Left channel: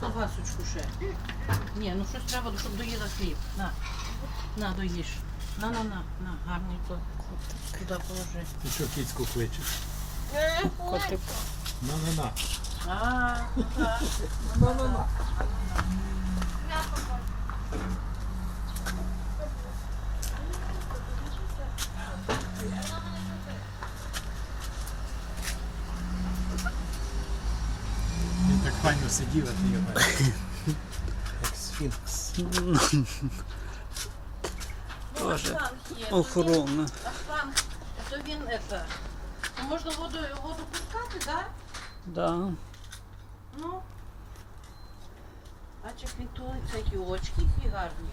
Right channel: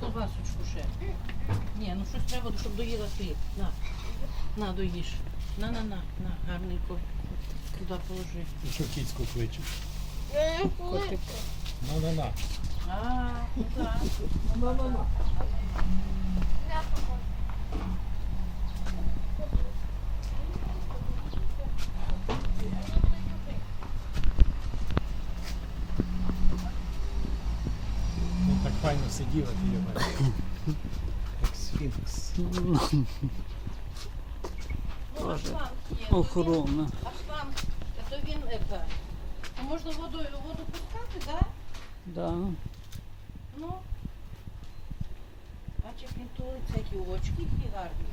Чи ще? Ні, ну щось треба, щоб доїла хліб. На. На, доїж. На, на, на, на, гарненько. Туди положи. Ти що кіцьку кличеш? Котик. На-на-на. А, так. На-на-на. Так файно сидів, а ти бачиш. Як сфінкс. Тоже охорона. А шланг, то він это. То можна воду, воду пускати, так? Да? Да. Ну. Бачиш, він тулиться, які очки які гарні.